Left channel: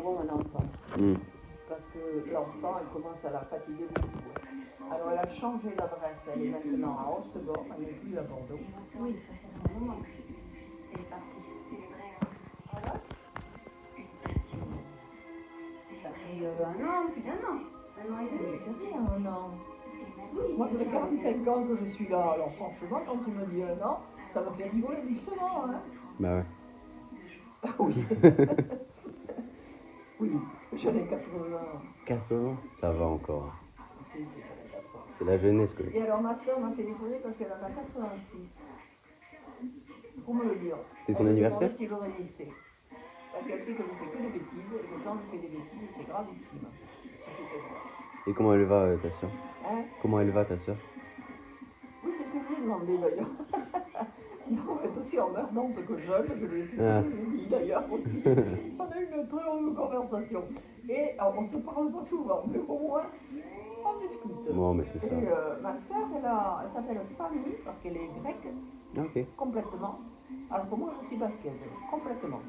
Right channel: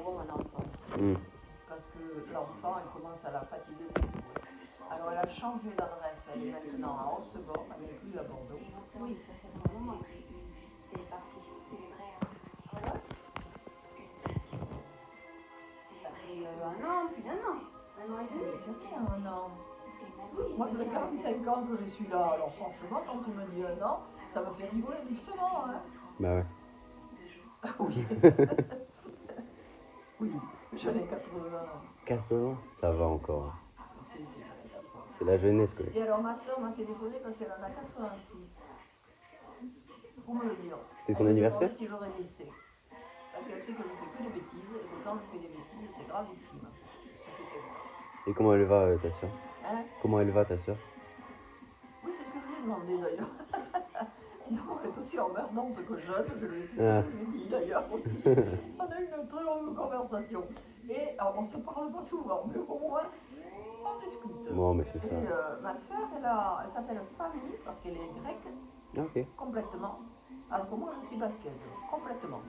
avant un enfant. Parce que l'enfant, elle commence à la fatiguer beaucoup. Alors elle a changé d'adresse, elle est maintenant à Hossegor, elle n'est plus à Bordeaux. Oui, ça sent bon. Elle est partie. Voilà. Ça fait un an, plus d'un an. Un an et demi. C'est bien un an. Moi, ça fait 45 ans que je suis là. Alors franchement, quand tu me dis un an, ça me fait rigoler doucement. Hein. Bah ouais. Oui. Oui, j'en ai 80. 80. Ça va encore. Si, j'en ai 80. C'est la jeunesse quoi. Et alors ma soeur m'a téléphoné parce qu'elle en a 86. Pour me le dire. C'est son Elle me anniversaire demandait si je résistais. Parce qu'elle sait que je fais que des bêtises et que quand je fais des bêtises, c'est gravissime. Il suffit qu'elle voit. Et comment elle va ta soeur? Hein? Comment elle va ta soeur? Oui, c'est ce que je lui ai demandé d'ailleurs. Non, elle est aussi emmerdante que jeune, je lui ai c'est ce que je lui ai dit d'ailleurs aussi. On a eu une très longue conversation. Et alors, on ne se parle pas souvent, mais au moins, on discute. Non mais c'est ça. Et ma soeur, elle s'appelle Fanny, parce qu'elle est grecque, Ok. complètement. Alors que moi, je suis basquaise, complètement.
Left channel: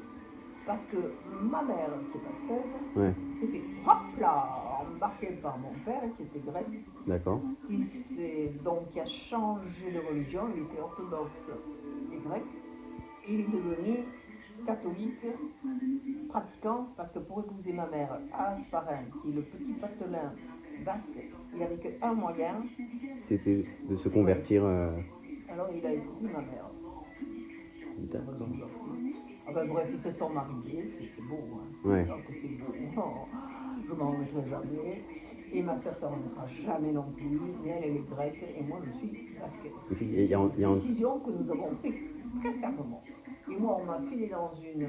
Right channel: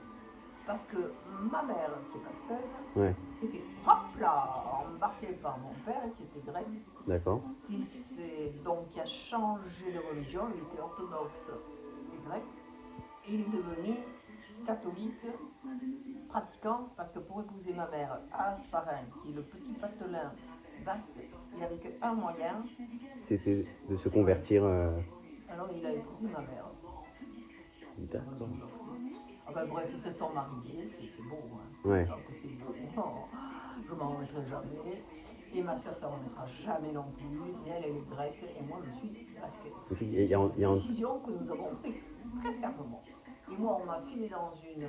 Parce que ma mère, qui est basquaise, Ouais. s'est fait, hop là, embarquée par mon père, qui était grec, D'accord. qui a changé de religion, il était orthodoxe et grec, et il est devenu catholique, pratiquant, parce que pour épouser ma mère, Asparin, qui est le petit patelin basque, il n'avait qu'un moyen, C'était de se convertir. alors il a épousé ma mère. D'accord. Enfin bref, ils se sont mariés, c'est beau, hein. Ouais. Donc c'est beau, non, je ne m'en remettrai jamais. Et ma soeur, ça ne remettra jamais non plus. Mais elle est grecque et moi, je suis basquaise. C'est une décision que nous avons prise très fermement. Et moi, on m'a filé dans une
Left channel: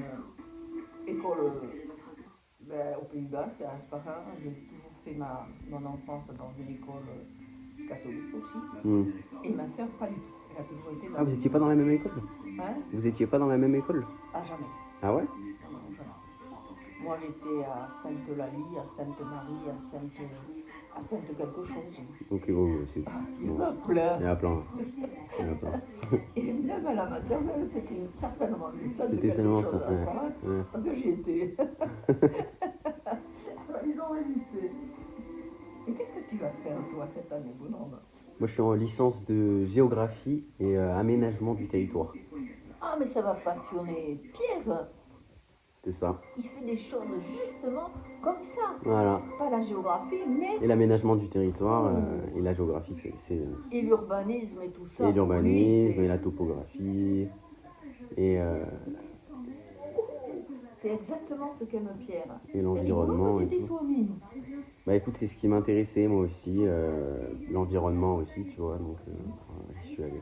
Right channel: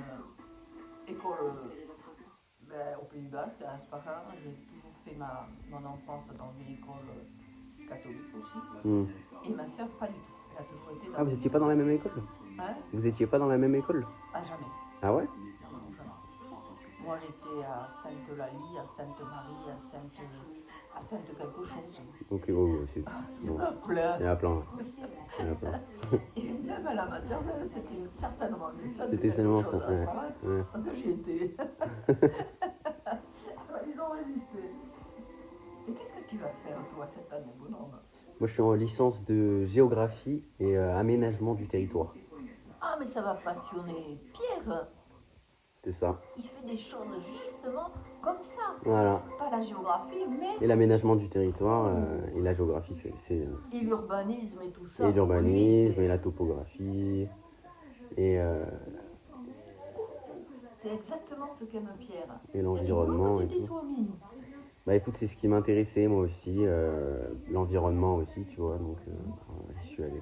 école au Pays Basque, à Aspara. J'ai toujours fait mon enfance dans une école catholique aussi. Et ma soeur, pas du tout. Elle a toujours été dans Ah, vous n'étiez pas dans la même école? Hein? Vous n'étiez pas dans la même école? Ah, jamais. Ah ouais? Moi, j'étais à Sainte-Eulalie, à Sainte-Marie, à Sainte quelque chose. Ok, bon, aussi. Il y en a plein. Il y en a plein. Il y en a plein. Et même à la maternelle, c'était certainement une Sainte C'était quelque seulement chose ça. à ce moment-là, Ouais. parce que j'y étais. Ils ont résisté. Et qu'est-ce que tu vas faire, toi, cette année, Benoît? Moi, je suis en licence de géographie et aménagement du territoire. Ah, mais ça va passionner Pierre. C'est ça. Il fait des choses justement comme ça. Voilà. Pas la géographie, mais... Et l'aménagement du territoire et la géographie, Et l'urbanisme et tout ça. Et pour l'urbanisme lui, et la topographie. Et c'est exactement ce qu'aime Pierre. Et C'est rigolo l'environnement que et tu étais tout. soumis. bah écoute, c'est ce qui m'intéressait moi aussi, l'environnement aussi, tu vois, donc j'y suis allé.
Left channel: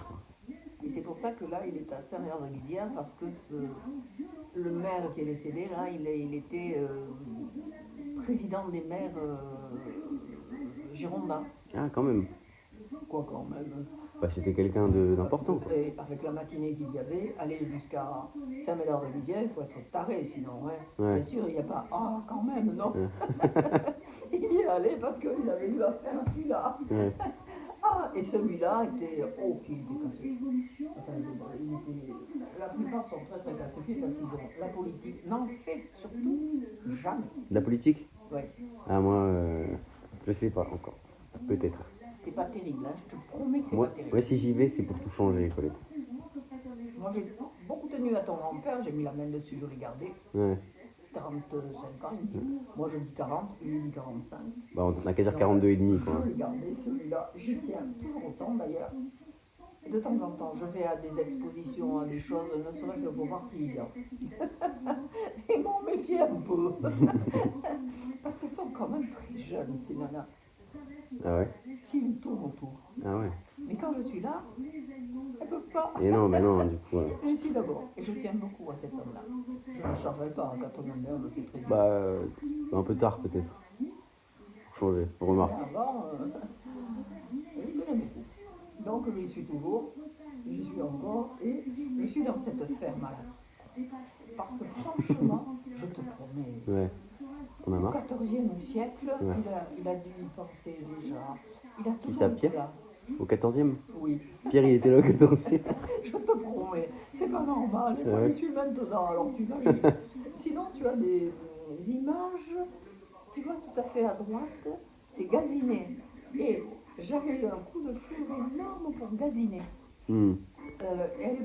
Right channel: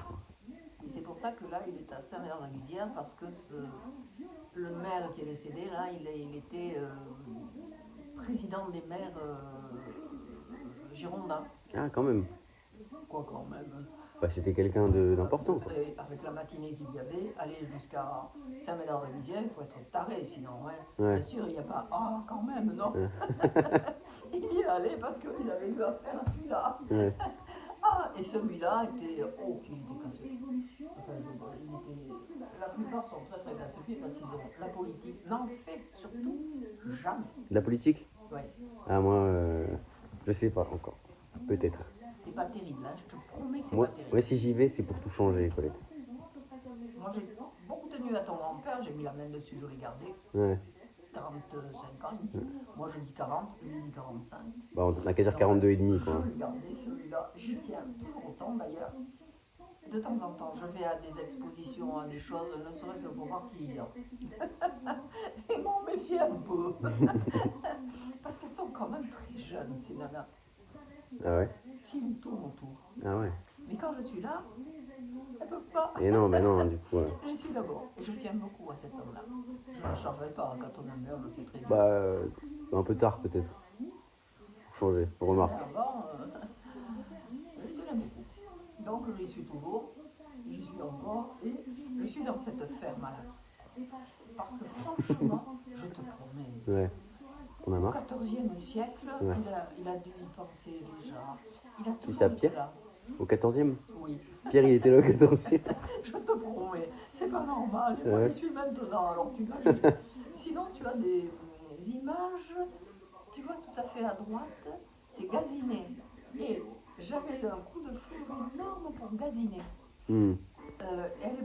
Et c'est pour ça que là, il est à Saint-Mère-de-Guisière, parce que le maire qui est décédé, là, il était président des maires girondins. Ah, quand même. Quoi quand même. Bah, c'était quelqu'un d'important. Et avec la matinée qu'il y avait, aller jusqu'à Saint-Médard-de-Guisière, il faut être taré, sinon, hein. Ouais. Bien sûr, il n'y a pas « Ah, quand même, non Ouais. » Il y allait parce qu'il avait eu affaire à celui-là. Ouais. Ah, et celui-là était... Oh, puis il était cassé. Enfin, la plupart sont très très casse-pieds parce qu'ils ont... La politique n'en fait surtout jamais. La politique? Oui, Ah, moi, je sais pas, peut-être. c'est pas terrible, hein. Je te promets que c'est Moi, pas terrible. moi, si j'y vais, c'est pour tout changer, Colette. Moi, j'ai beaucoup tenu à ton grand-père, j'ai mis la main dessus, je l'ai gardé. Ouais. 45 ans, il dit. Moi je dis 40, lui dit 45. Bon, on a qu'à dire 42 et demi, Je quoi. l'ai gardé celui-là, j'y tiens toujours autant d'ailleurs. De temps en temps, je vais à des expositions, à des choses, ne serait-ce que pour voir qui il y a. Et m'en méfier un peu. Parce qu'elles sont quand même très jeunes, ces nanas. Ah ouais? Qui me tournent autour. Ah ouais. Mais quand je suis là, elles peuvent pas. Et non, mais non, du coup. Je suis d'abord, et je tiens beaucoup à cet homme-là. Je ne changerai pas quand on est merde, c'est très bien. Bah, un peu tard, peut-être. Changer, remarque. Mais avant, je les tenais beaucoup. Donc j'y suis toujours, j'y suis encore, et je suis dans cette ferme-là. Parce que franchement, je te promets, Ouais. au Ouais. XIVe siècle, Ouais. il a dû y penser déjà. Il a Qui toujours ça, été Pierre? là. Au 14e? Oui, Pierre, il était là au 14e. je te promets, c'est pas normal. Et moi, Ouais. je suis maintenant, alors tu imagines. Sinon, tu as des images tout à fait à droite, c'est gaziner. Et j'avais un coup de foudre énorme pour gaziner. Hmm. Elle